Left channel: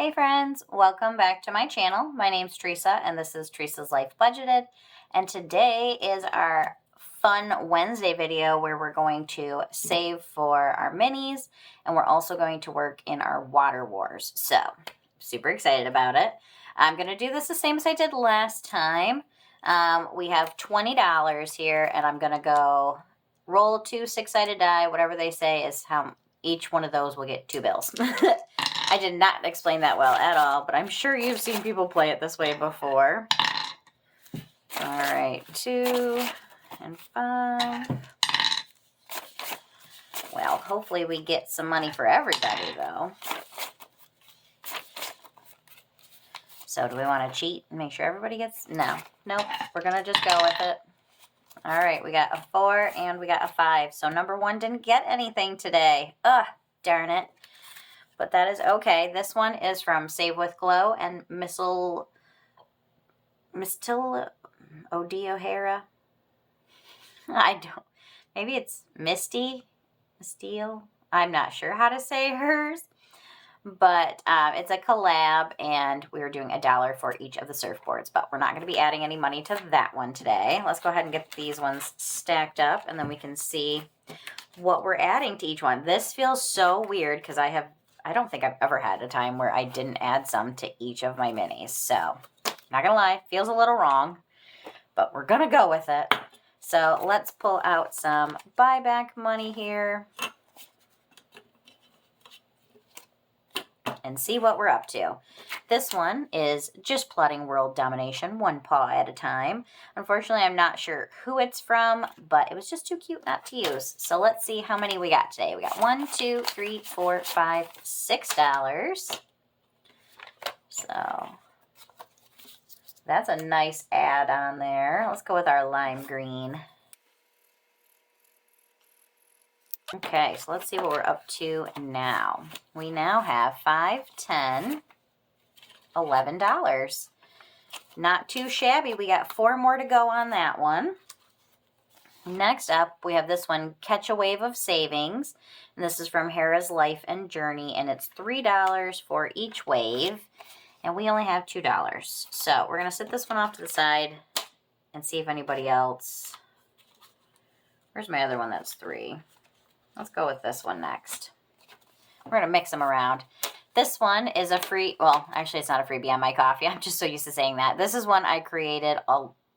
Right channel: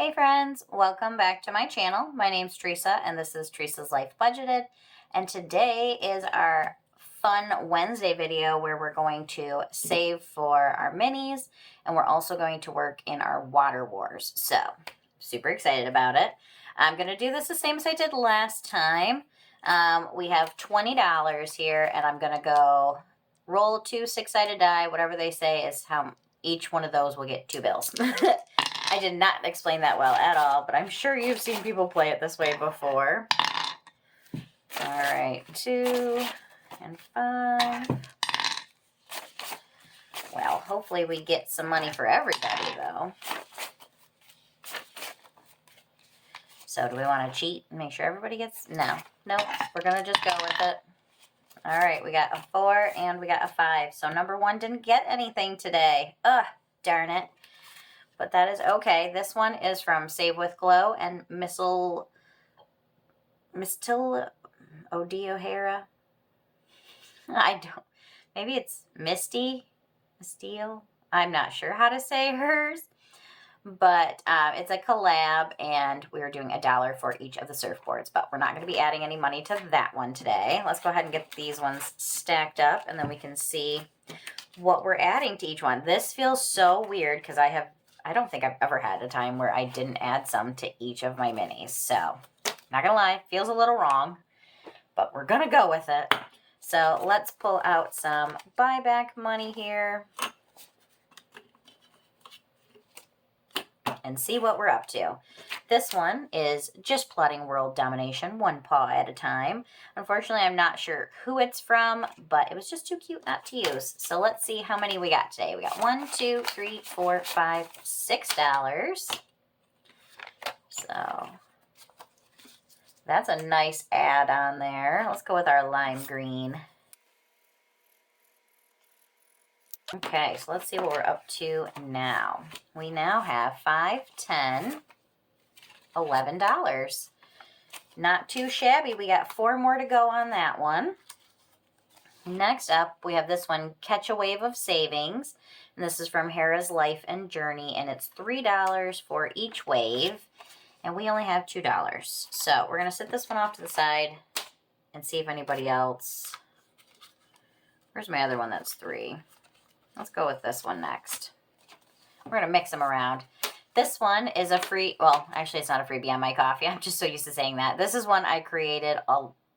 Hey friends, welcome back to my channel. My name's Teresa and this is Teresa's Life Budgeted. And today is our fun Wednesday video where we're going to save for our minis and we're also going to work in our water wars. So, super excited about it. I'm going to do this the same as I did last time. We have $20 here and I'm going to go roll 2 6-sided die. Whatever they say is how each one of those will get 2 bills. I did not explain that well at all, but I'm sure you've seen people play it this way before. All right, 2 and 5. Well, hopefully we get some money for everybody, though. So do we want to cheat and make sure everybody gets... No. Nope. We're going to just go with it. All right, we got a 4 and we got a 5. So number 1 didn't get anything today. Ugh, darn it. But that is okay. This one is from Save with Glow and Mistil O'Hara. I don't. Maybe it's Misty. Mistil. I'm not sure how to say hers. But it's a collab, and we are doing $1 for each of the surfboards. But we're not going to be adding any money to that one today. Let's go ahead and get these ones stacked up, and then we can see what we're adding to each one. This feels so weird because I don't think I've ever had a time where I didn't add some to each of my minis. So, not gonna lie, feels a little wrong, but we're gonna go with it. So, let's pull out some buyback money here and see what we're up to. This one is just plotting world domination, one paw at a time. Unfortunately, I'm not sure who it's from, but it was just too cute not to use. So let's see how many we got today. We got 1, 2, 3, 4, 5, $6. So that's a nice add on there. Let's go with our lime green. Okay, so let's see what we're up to now. We now have $5, $10, $11. Not too shabby. We got 4 more to go on that one. Next up, we have this one, Catch a Wave of Savings. And this is from Hera's Life and Journey. And it's $3 for each wave. And we only have $2. So we're going to set this one off to the side and see if anybody else... Where's my other one that's 3? Let's go with this one next. We're going to mix them around. This one is a free, well, actually it's not a freebie on my coffee. I'm just so used to saying that. This is one I created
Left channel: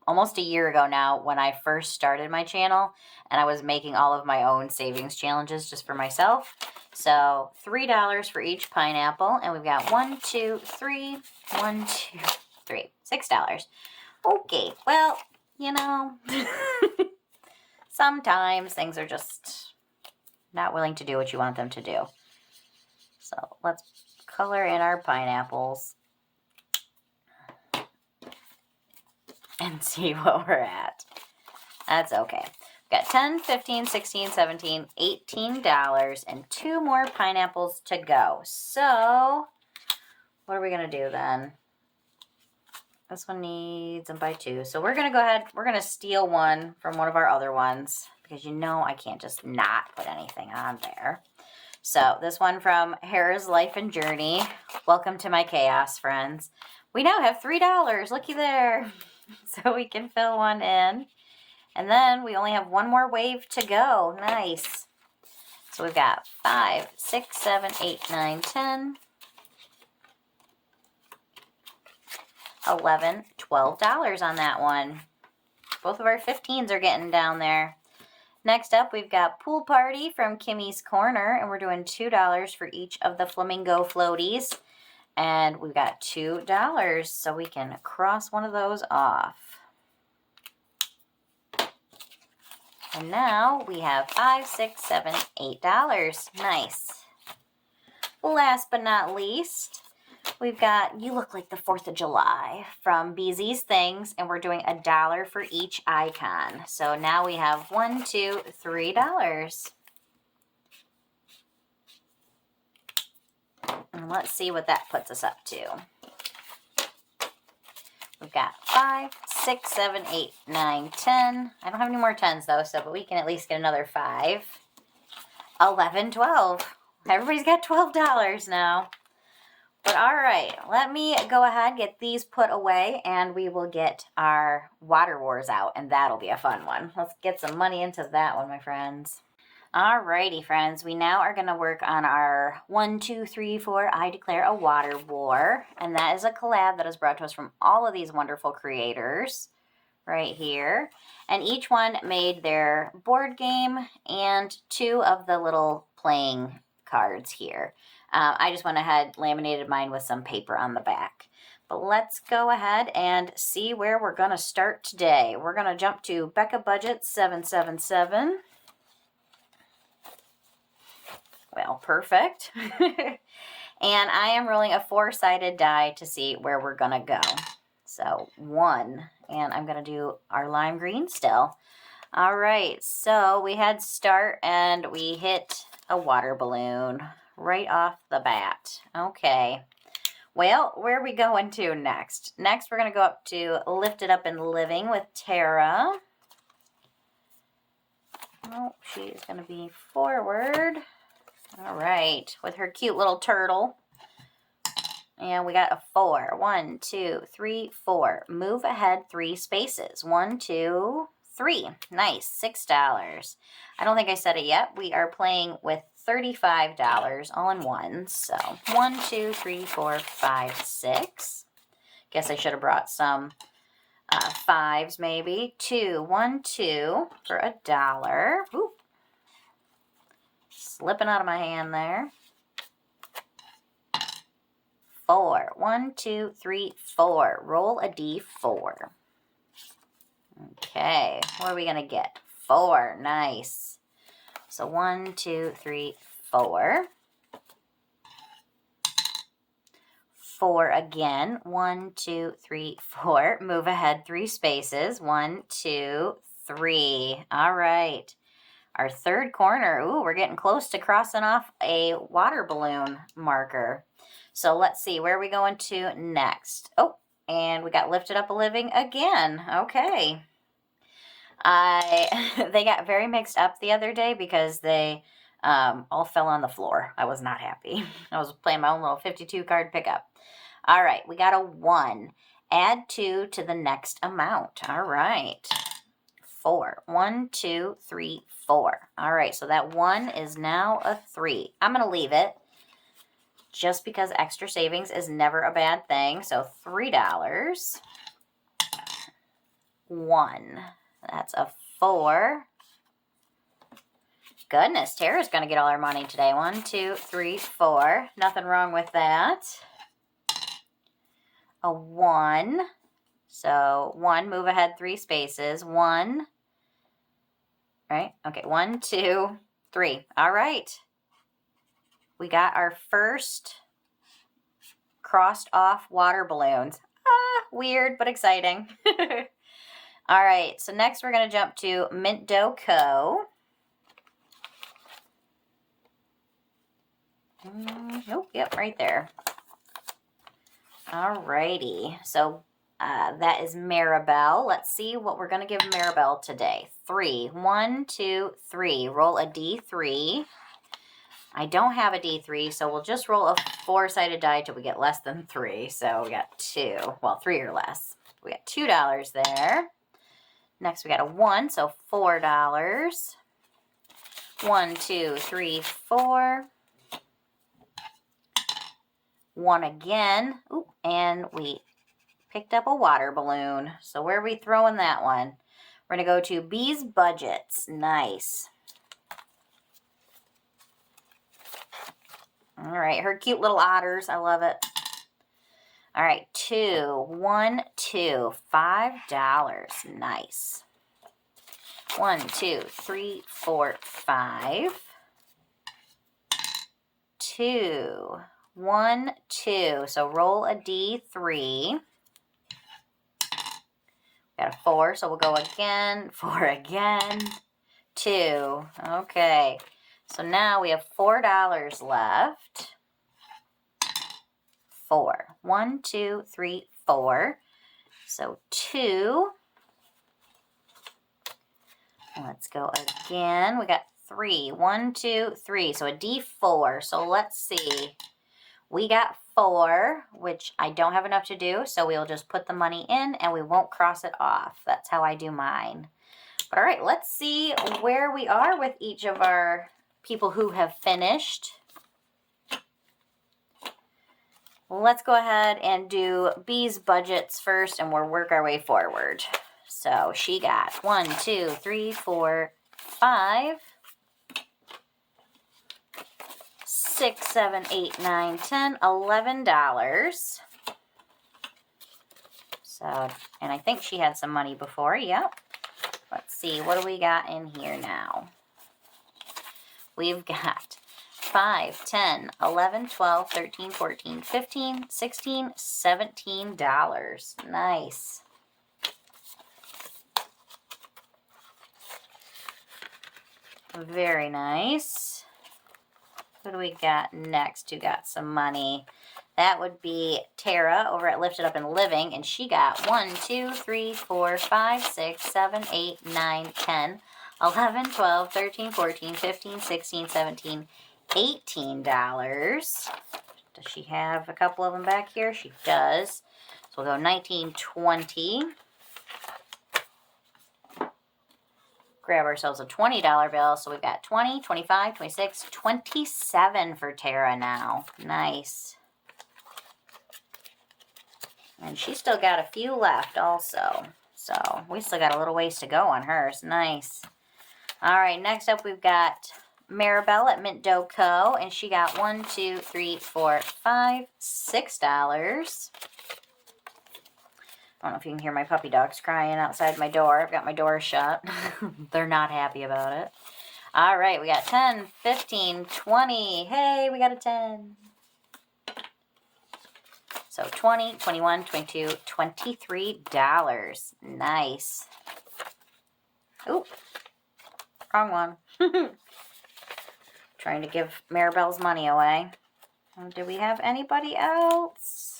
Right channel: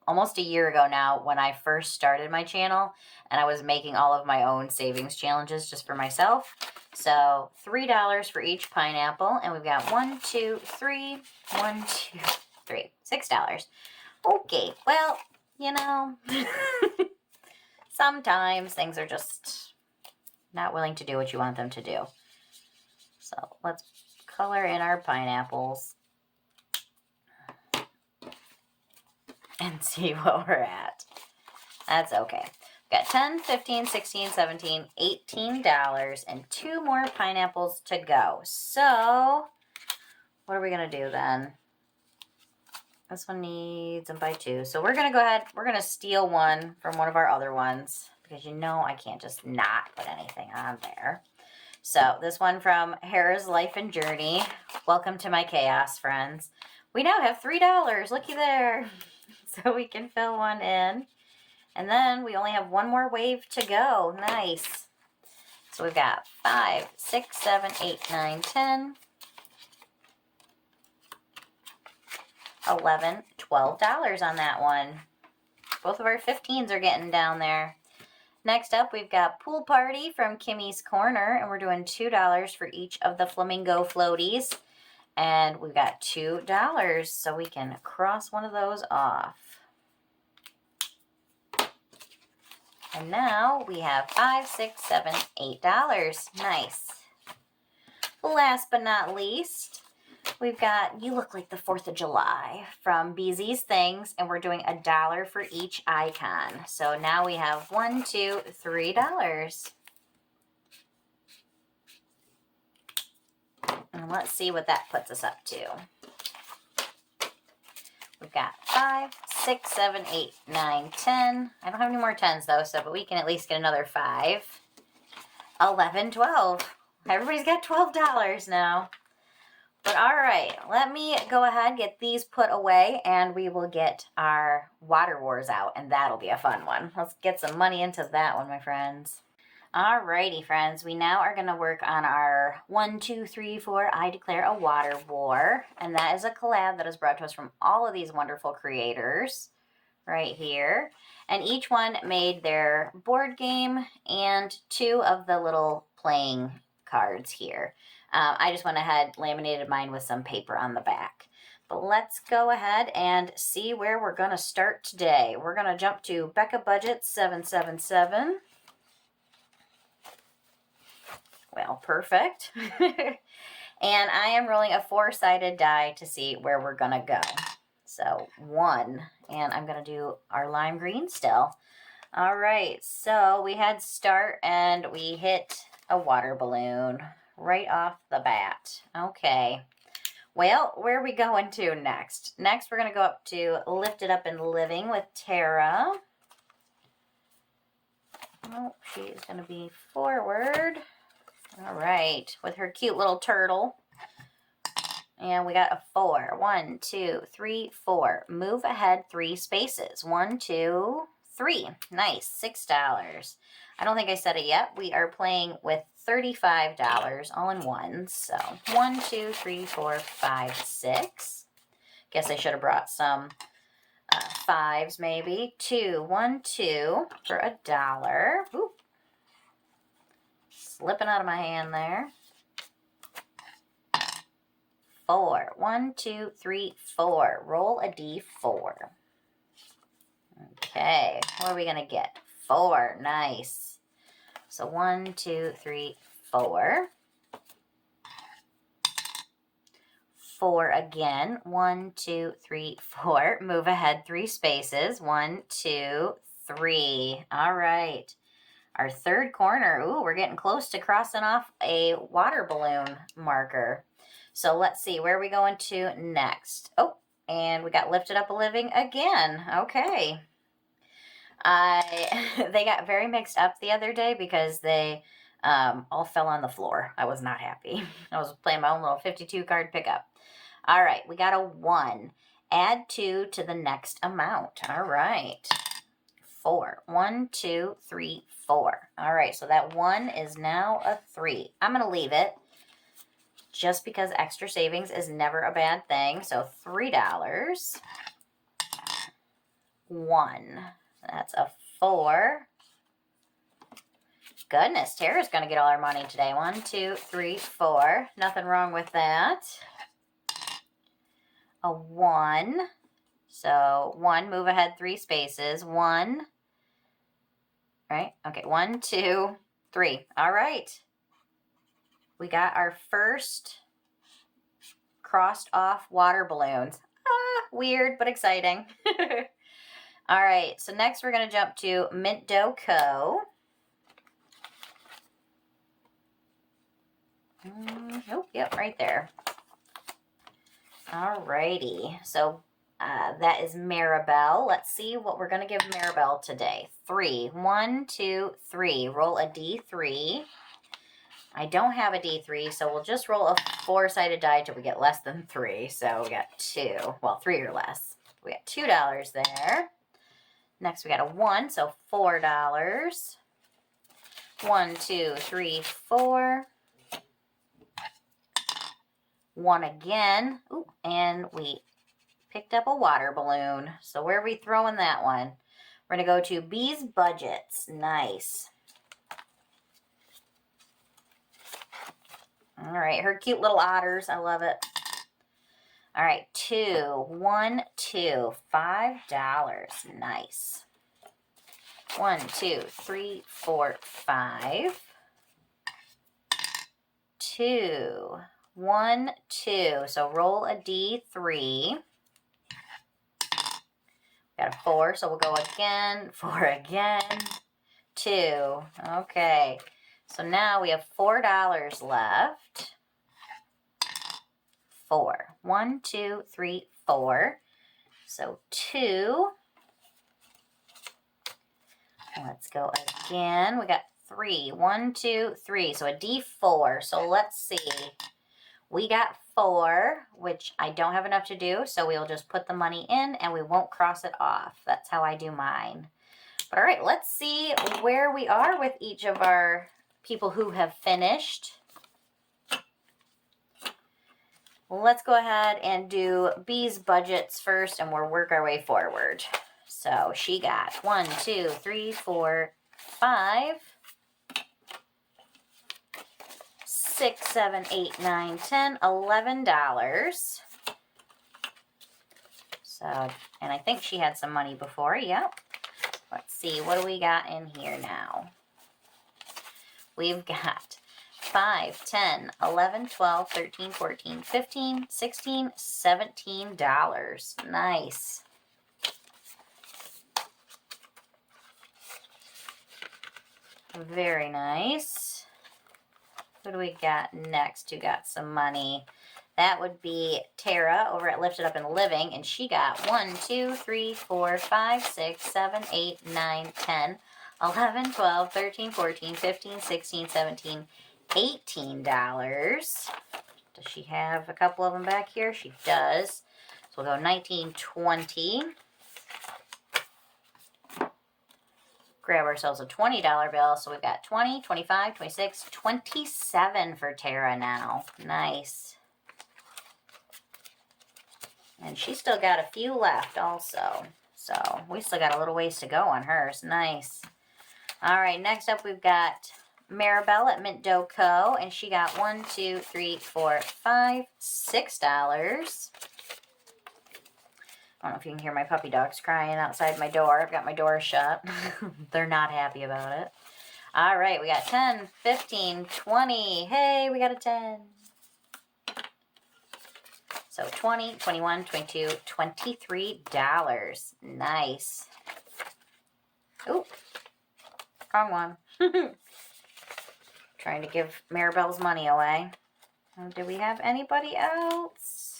almost a year ago now when I first started my channel. And I was making all of my own savings challenges just for myself. So $3 for each pineapple. And we've got 1, 2, 3, 1, 2, 3, $6. Okay, well, you know, sometimes things are just... not willing to do what you want them to do. So let's color in our pineapples and see what we're at. That's okay. We've got 10, 15, 16, 17, $18, and 2 more pineapples to go. So what are we going to do then? This one needs them by 2. So we're going to go ahead. We're going to steal one from one of our other ones, because you know I can't just not put anything on there. So this one from Hera's Life and Journey. Welcome to my chaos, friends. We now have $3. Looky there. So we can fill one in. And then we only have 1 more wave to go. Nice. So we've got 5, 6, 7, 8, 9, 10, 11, $12 on that one. Both of our 15s are getting down there. Next up, we've got Pool Party from Kimmy's Corner, and we're doing $2 for each of the flamingo floaties. And we've got $2, so we can cross one of those off. And now we have $5, $6, $7, $8. Nice. Last but not least, we've got You Look Like the 4th of July from BZ's Things, and we're doing $1 for each icon. So now we have $1, $2, $3. And let's see what that puts us up to. We've got 5, 6, 7, 8, 9, 10. I don't have any more 10s though, but we can at least get another 5. 11, 12. Everybody's got $12 now. But all right, let me go ahead, get these put away, and we will get our Water Wars out, and that'll be a fun one. Let's get some money into that one, my friends. Alrighty, friends, we now are going to work on our 1, 2, 3, 4, I Declare a Water War, and that is a collab that is brought to us from all of these wonderful creators right here. And each one made their board game and 2 of the little playing cards here. I just went ahead, laminated mine with some paper on the back. But let's go ahead and see where we're going to start today. We're going to jump to BezBudget 777. Well, perfect. And I am rolling a 4-sided die to see where we're going to go. So 1, and I'm going to do our lime green still. All right, so we had start and we hit a water balloon right off the bat. Okay, well, where are we going to next? Next, we're going to go up to Lift It Up and Living with Tara. Oh, she's going to be forward. All right, with her cute little turtle. And we got a 4. 1, 2, 3, 4. Move ahead 3 spaces. 1, 2, 3. Nice. $6. I don't think I said it yet. We are playing with $35 all in ones. So 1, 2, 3, 4, 5, 6. Guess I should have brought some 5s maybe. 2, 1, 2 for $1. Ooh. Slipping out of my hand there. 4. 1, 2, 3, 4. Roll a D4. Okay, what are we going to get? 4. Nice. So 1, 2, 3, 4. 4 again. 1, 2, 3, 4. Move ahead 3 spaces. 1, 2, 3. All right. Our third corner. Ooh, we're getting close to crossing off a water balloon marker. So let's see, where are we going to next? Oh, and we got Lifted Up a Living again. Okay. They got very mixed up the other day because they all fell on the floor. I was not happy. I was playing my own little 52 card pickup. All right, we got a 1. Add 2 to the next amount. All right. 4. 1, 2, 3, 4. All right, so that 1 is now a 3. I'm going to leave it just because extra savings is never a bad thing. So $3. 1. That's a 4. Goodness, Tara's going to get all our money today. 1, 2, 3, 4. Nothing wrong with that. A 1. So 1, move ahead 3 spaces. 1. Right? Okay, 1, 2, 3. All right. We got our first crossed off water balloons. Weird, but exciting. All right, so next we're going to jump to Mint Dough Co. Oh, yep, right there. All righty, so that is Maribel. Let's see what we're going to give Maribel today. 3. 1, 2, 3. Roll a D3. I don't have a D3, so we'll just roll a 4-sided die till we get less than 3. So we got 2. Well, 3 or less. We got $2 there. Next, we got a 1, so $4. 1, 2, 3, 4. 1 again. Ooh, and we picked up a water balloon. So where are we throwing that one? We're going to go to BrzysBudgets. Nice. All right, her cute little otters. I love it. All right, 2, 1, 2, $5. Nice. 1, 2, 3, 4, 5. 2, 1, 2. So roll a D3. Got a 4, so we'll go again. 4 again. 2. Okay. So now we have $4 left. 4. 1, 2, 3, 4. So 2. Let's go again. We got 3. 1, 2, 3. So a D4. So let's see. We got 4, which I don't have enough to do, so we'll just put the money in and we won't cross it off. That's how I do mine. But all right, let's see where we are with each of our people who have finished. Let's go ahead and do B's budgets first, and we'll work our way forward. So she got 1, 2, 3, 4, 5, 6, 7, 8, 9, 10, $11. So, and I think she had some money before. Yep. Let's see, what do we got in here now? We've got 5, 10, 11, 12, 13, 14, 15, 16, $17. Nice. Very nice. Who do we got next who got some money? That would be Tara over at Lifted Up and Living, and she got 1, 2, 3, 4, 5, 6, 7, 8, 9, 10, 11, 12, 13, 14, 15, 16, 17, $18. Does she have a couple of them back here? She does. So we'll go 19, 20. Grab ourselves a $20 bill. So we've got 20, 25, 26, 27 for Tara now. Nice. And she's still got a few left also. So we still got a little ways to go on hers. Nice. All right, next up we've got Maribel at Mint Dough Co. And she got 1, 2, 3, 4, 5, $6. I don't know if you can hear my puppy dogs crying outside my door. I've got my door shut. They're not happy about it. All right, we got 10, 15, 20. Hey, we got a 10. So 20, 21, 22, $23. Nice. Ooh, wrong one. Trying to give Maribel's money away. Do we have anybody else?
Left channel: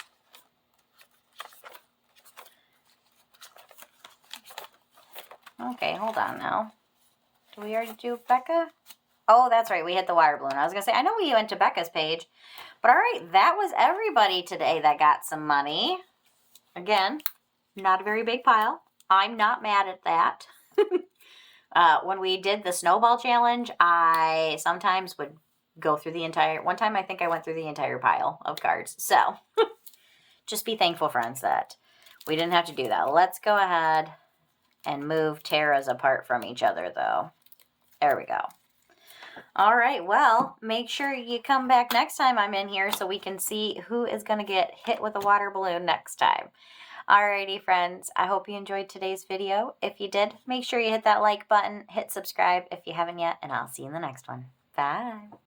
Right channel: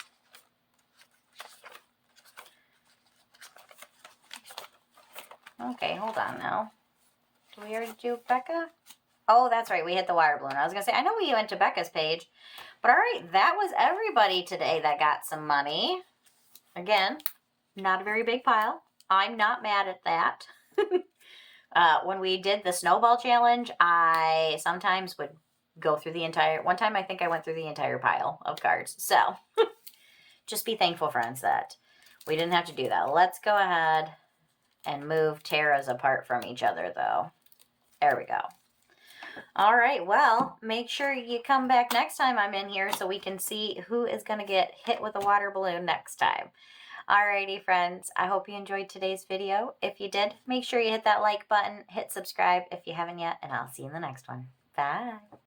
Okay, hold on now. Did we already do Becca? Oh, that's right. We hit the water balloon. I was going to say, I know we went to Becca's page. But all right, that was everybody today that got some money. Again, not a very big pile. I'm not mad at that. When we did the snowball challenge, I sometimes would go through the entire... One time I think I went through the entire pile of cards. So, just be thankful, friends, that we didn't have to do that. Let's go ahead and move Tara's apart from each other, though. There we go. All right, well, make sure you come back next time I'm in here so we can see who is going to get hit with a water balloon next time. Alrighty, friends, I hope you enjoyed today's video. If you did, make sure you hit that like button, hit subscribe if you haven't yet, and I'll see you in the next one. Bye.